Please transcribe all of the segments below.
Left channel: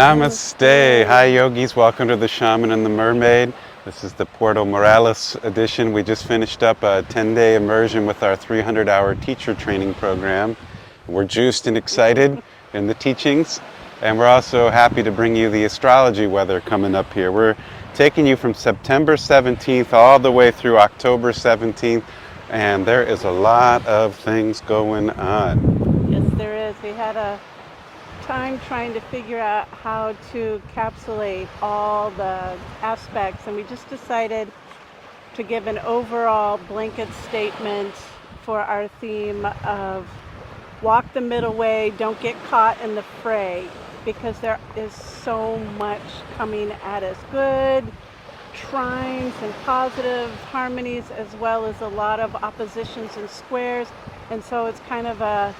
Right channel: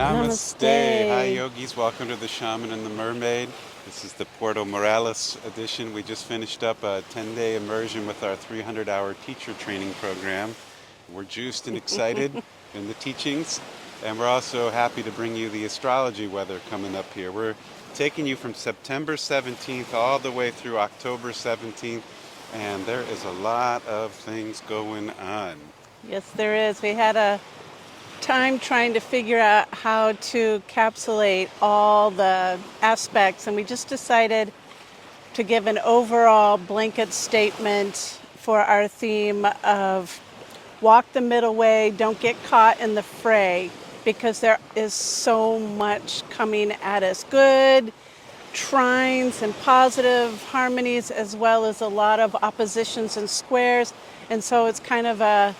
Namaste. Hi, yogis. Welcome to the Shaman and the Mermaid. This is the Puerto Morales edition. We just finished up a 10-day immersion with our 300-hour teacher training program. We're juiced and excited in the teachings, and we're also happy to bring you the astrology weather coming up here. We're taking you from September 17th all the way through October 17th, and there is a lot of things going on. Yes, there is. We had a time trying to figure out how to encapsulate all the aspects, and we just decided to give an overall blanket statement for our theme of walk the middle way, don't get caught in the fray, because there is so much coming at us. Good trines and positive harmonies, as well as a lot of oppositions and squares, and so it's kind of a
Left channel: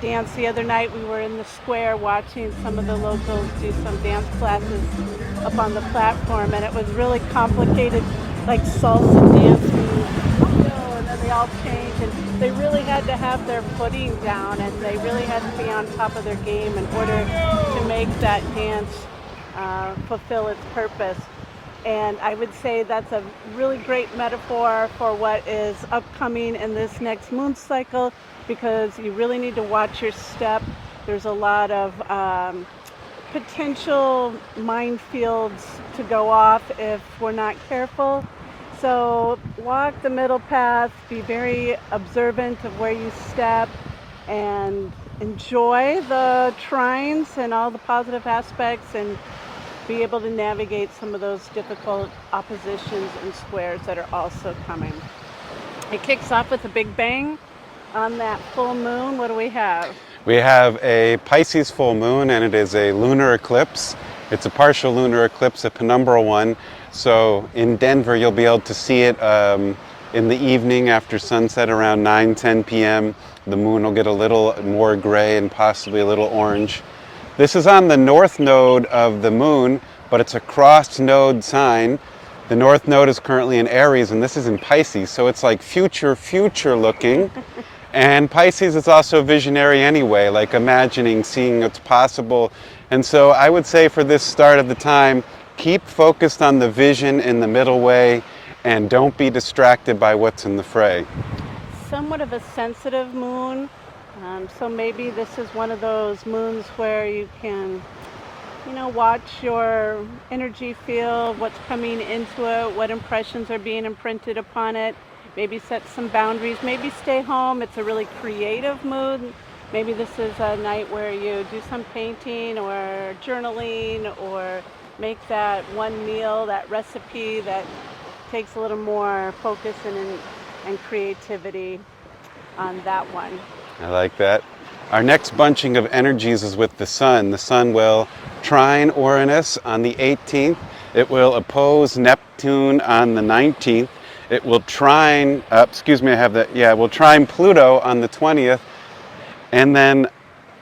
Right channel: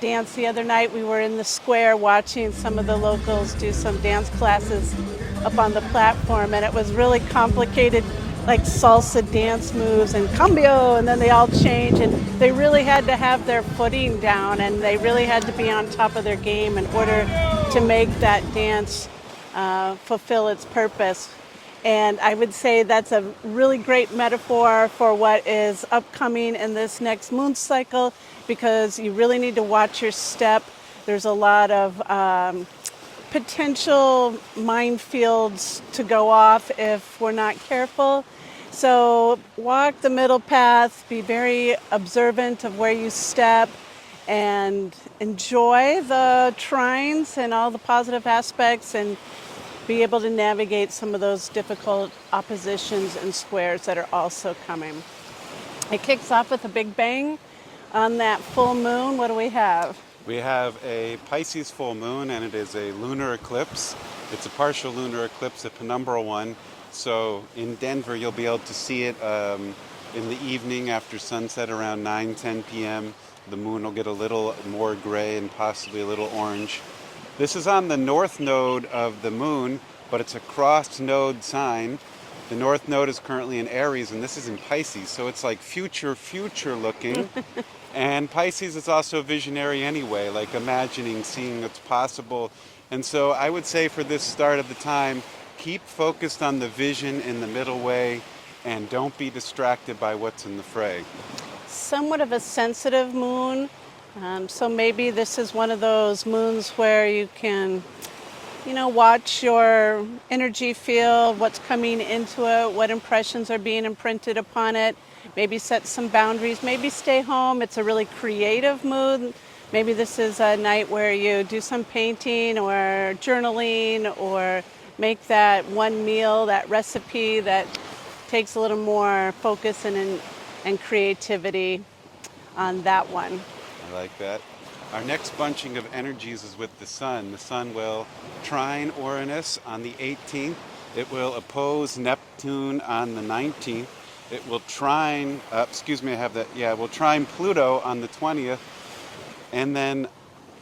dance. The other night we were in the square watching some of the locals do some dance classes up on the platform, and it was really complicated, like salsa dance moves and cambio, and then they all change, and they really had to have their footing down, and they really had to be on top of their game in order to make that dance fulfill its purpose. And I would say that's a really great metaphor for what is upcoming in this next moon cycle, because you really need to watch your step. There's a lot of potential minefields to go off if we're not careful. So walk the middle path, be very observant of where you step, and enjoy the trines and all the positive aspects, and be able to navigate some of those difficult oppositions and squares that are also coming. It kicks off with a big bang on that full moon. What do we have? We have a Pisces full moon, and it is a lunar eclipse. It's a partial lunar eclipse, a penumbral one. So in Denver, you'll be able to see it in the evening after sunset around 9-10 p.m. The moon will get a little more gray and possibly a little orange. This is on the north node of the moon, but it's a crossed node sign. The north node is currently in Aries, and this is in Pisces, so it's like future looking. And Pisces is also visionary anyway, like imagining, seeing what's possible. And so I would say for this start of the time, keep focused on the vision in the middle way, and don't be distracted by what's in the fray. Somewhat of a sensitive moon. So maybe this is one of those moons where you can, watch your energy field, what's coming into it, what impressions are being imprinted upon it, maybe set some boundaries, maybe stay home. It's a really creative mood. Maybe this is a night where you do some painting or journaling, or make that one meal, that recipe that takes a little more focus and creativity on that one. I like that. Our next bunching of energies is with the sun. The sun will trine Uranus on the 18th. It will oppose Neptune on the 19th. It will trine, it will trine Pluto on the 20th. And then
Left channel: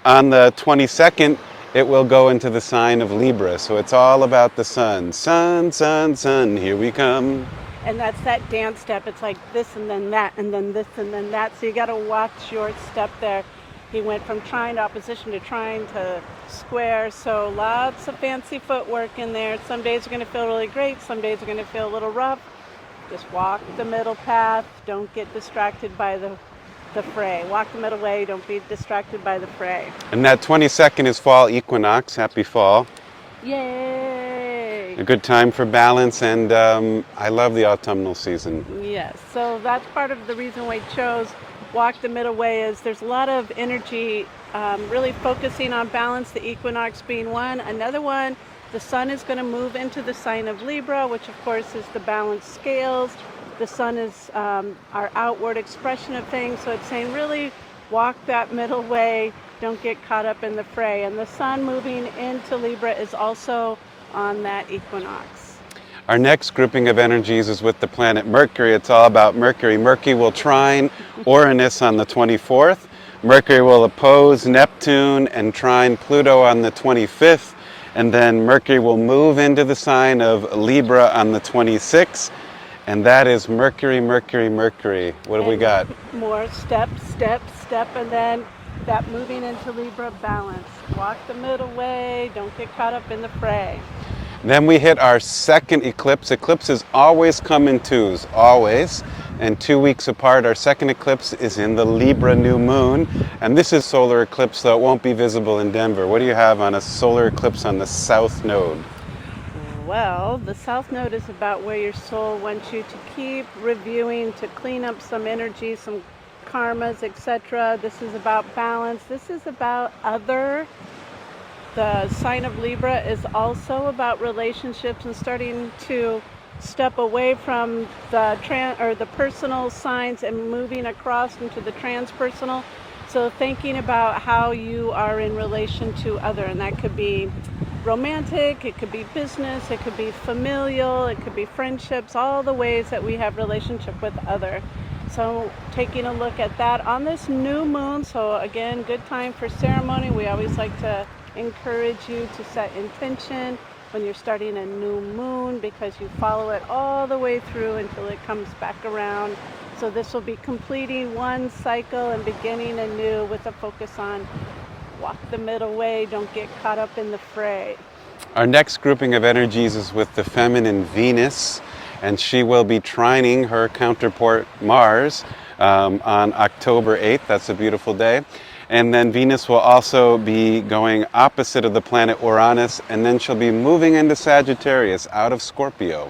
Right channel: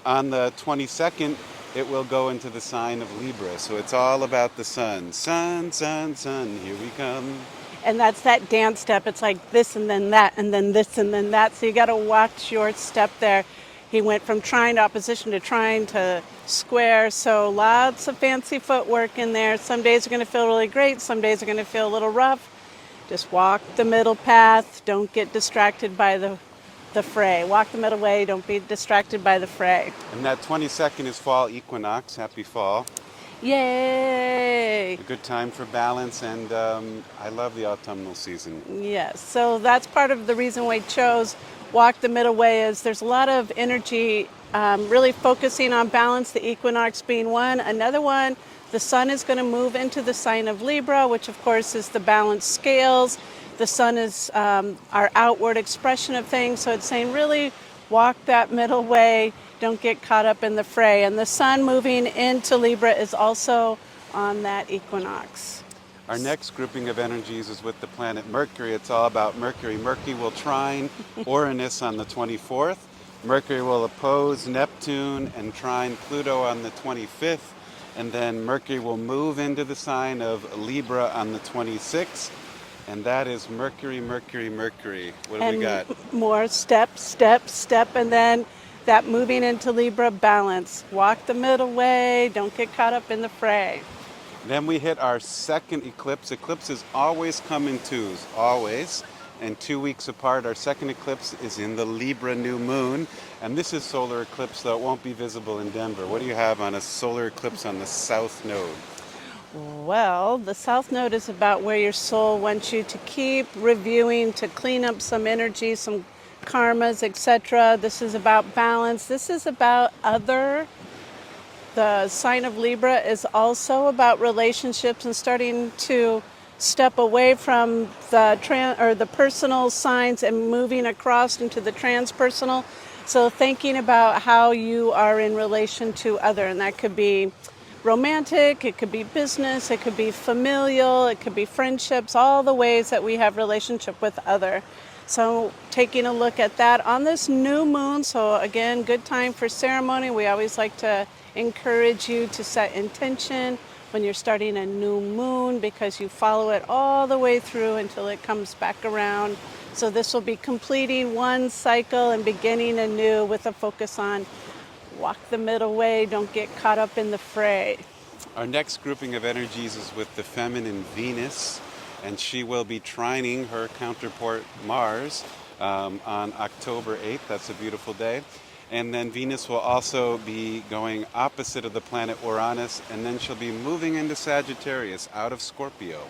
on the 22nd, it will go into the sign of Libra. So it's all about the sun. Sun, sun, sun, here we come. And that's that dance step. It's like this and then that and then this and then that. So you got to watch your step there. He went from trine to opposition to trine to square. So lots of fancy footwork in there. Some days are going to feel really great. Some days are going to feel a little rough. Just walk the middle path. Don't get distracted by the fray. Walk the middle way. Don't be distracted by the fray. And that 22nd is fall equinox. Happy fall. Yay! A good time for balance, and I love the autumnal season. Yes, so that's part of the reason we chose walk the middle way, is there's a lot of energy really focusing on balance, the equinox being one. Another one, the sun is going to move into the sign of Libra, which of course is the balance scales. The sun is our outward expression of things, so it's saying really walk that middle way, don't get caught up in the fray. And the sun moving into Libra is also on that equinox. Our next grouping of energies is with the planet Mercury. It's all about Mercury. Mercury will trine Uranus on the 24th. Mercury will oppose Neptune and trine Pluto on the 25th. And then Mercury will move into the sign of Libra on the 26th. And that is Mercury, Mercury, Mercury. What do we got? More step, step, step, and then that moving into Libra balance. Walk the middle way, don't get caught up in the fray. Then we hit our second eclipse. Eclipses always come in twos, always. And 2 weeks apart, our second eclipse is in the Libra new moon. And this is solar eclipse, so it won't be visible in Denver. What do you have on a solar eclipse on the south node? Well, the south node is about where your soul wants you to keep reviewing, to clean up some energy, some karmas, etc. This is about balance. This is about other. The sign of Libra is also about relationships and starting to step away from the personal signs and moving across into the transpersonal. So thinking about how you are in relation to other, and that could be romantic, it could be business, it could be familial, it could be friendships, all the ways that we have relationship with other. So taking a look at that on this new moon. So again, good time for ceremony. We always like to encourage you to set intention when you're starting a new moon, because you follow it all the way through until it comes back around. So this will be completing one cycle and beginning a new with a focus on walk the middle way, don't get caught up in the fray. Our next grouping of energies is with the feminine Venus, and she will be trining her counterpart Mars on October 8th. That's a beautiful day. And then Venus will also be going opposite of the planet Uranus, and then she'll be moving into Sagittarius out of Scorpio.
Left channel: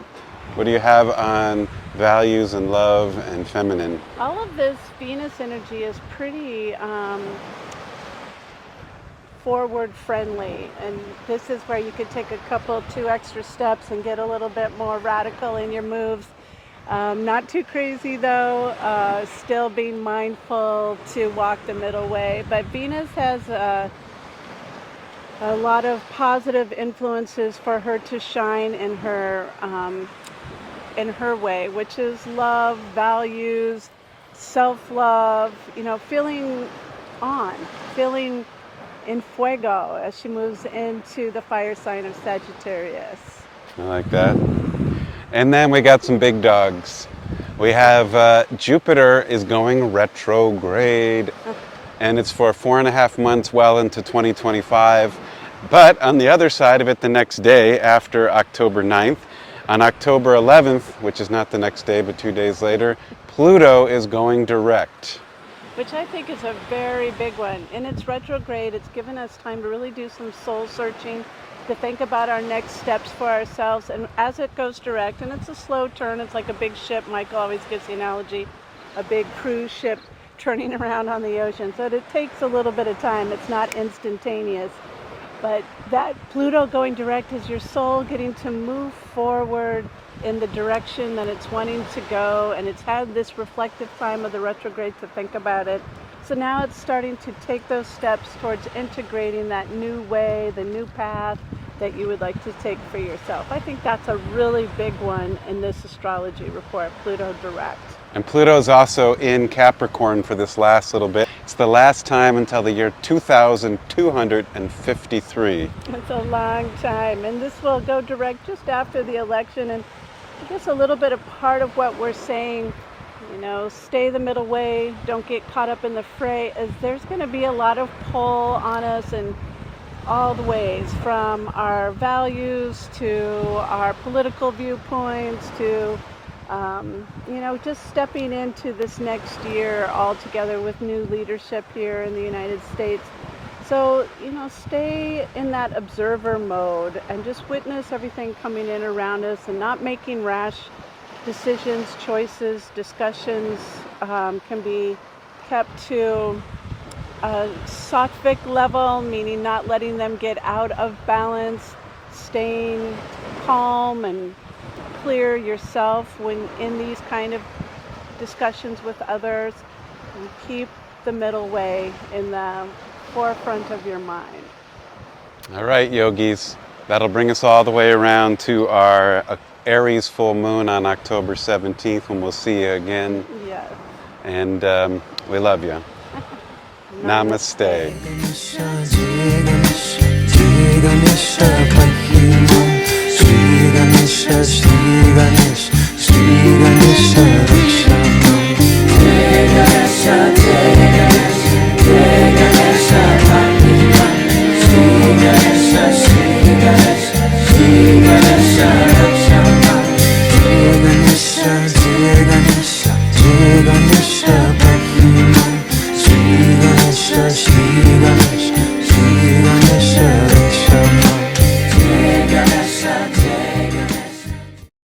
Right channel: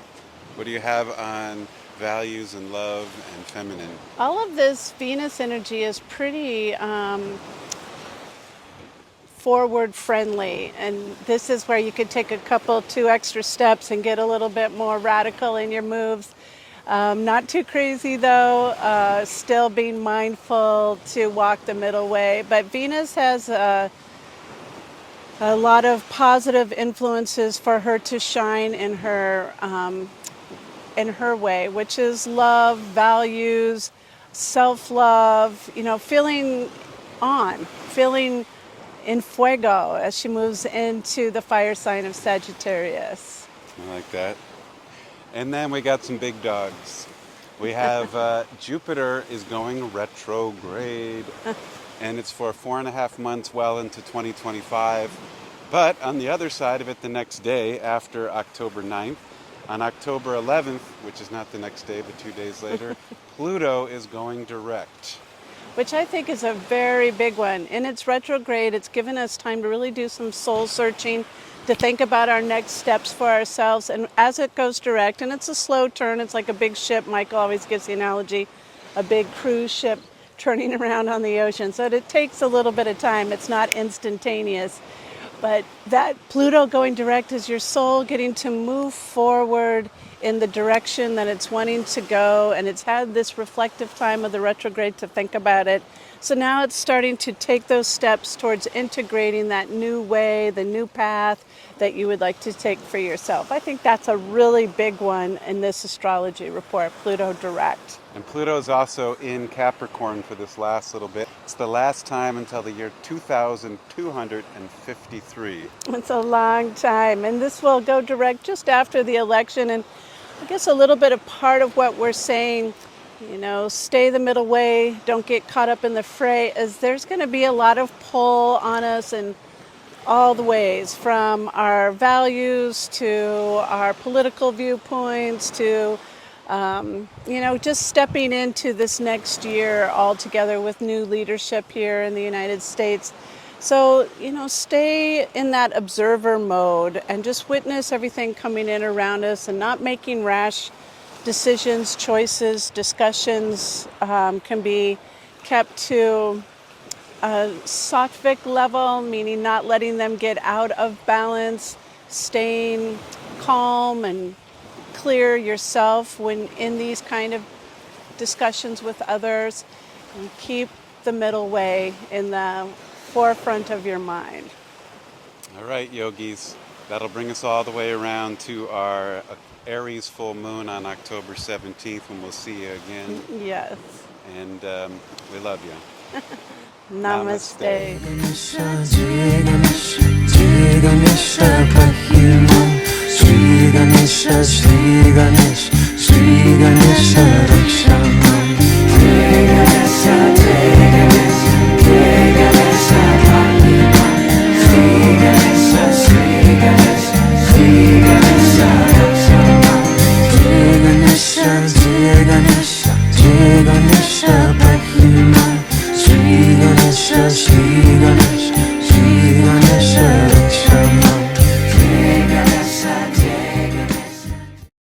What do you have on values and love and feminine? All of this Venus energy is pretty forward friendly, and this is where you could take two extra steps and get a little bit more radical in your moves. Not too crazy though, still being mindful to walk the middle way. But Venus has a lot of positive influences for her to shine in her way, which is love, values, self-love, feeling in fuego as she moves into the fire sign of Sagittarius. I like that. And then we got some big dogs. We have Jupiter is going retrograde, and it's for 4.5 months well into 2025. But on the other side of it, the next day after October 9th, on October 11th, which is not the next day but 2 days later, Pluto is going direct. Which I think is a very big one. In its retrograde, it's given us time to really do some soul searching, to think about our next steps for ourselves. And as it goes direct, and it's a slow turn, it's like a big ship. Michael always gives the analogy, a big cruise ship turning around on the ocean. So it takes a little bit of time. It's not instantaneous. But that Pluto going direct is your soul getting to move forward in the direction that it's wanting to go, and it's had this reflective time of the retrograde to think about it. So now it's starting to take those steps towards integrating that new way, the new path that you would like to take for yourself. I think that's a really big one in this astrology report, Pluto direct. And Pluto's also in Capricorn for this last little bit. It's the last time until the year 2253. It's a long time, and this will go direct just after the election. And I guess a little bit of part of what we're saying, stay the middle way, don't get caught up in the fray, is there's going to be a lot of pull on us in all the ways, from our values to our political viewpoints to, just stepping into this next year all together with new leadership here in the United States. So, stay in that observer mode and just witness everything coming in around us, and not making rash decisions, choices, discussions can be kept to a sattvic level, meaning not letting them get out of balance, staying calm and clear yourself when in these kind of discussions with others, and keep the middle way in the forefront of your mind. All right, yogis, that'll bring us all the way around to our Aries full moon on October 17th, when we'll see you again. Yes. And we love you. Namaste. Namaste.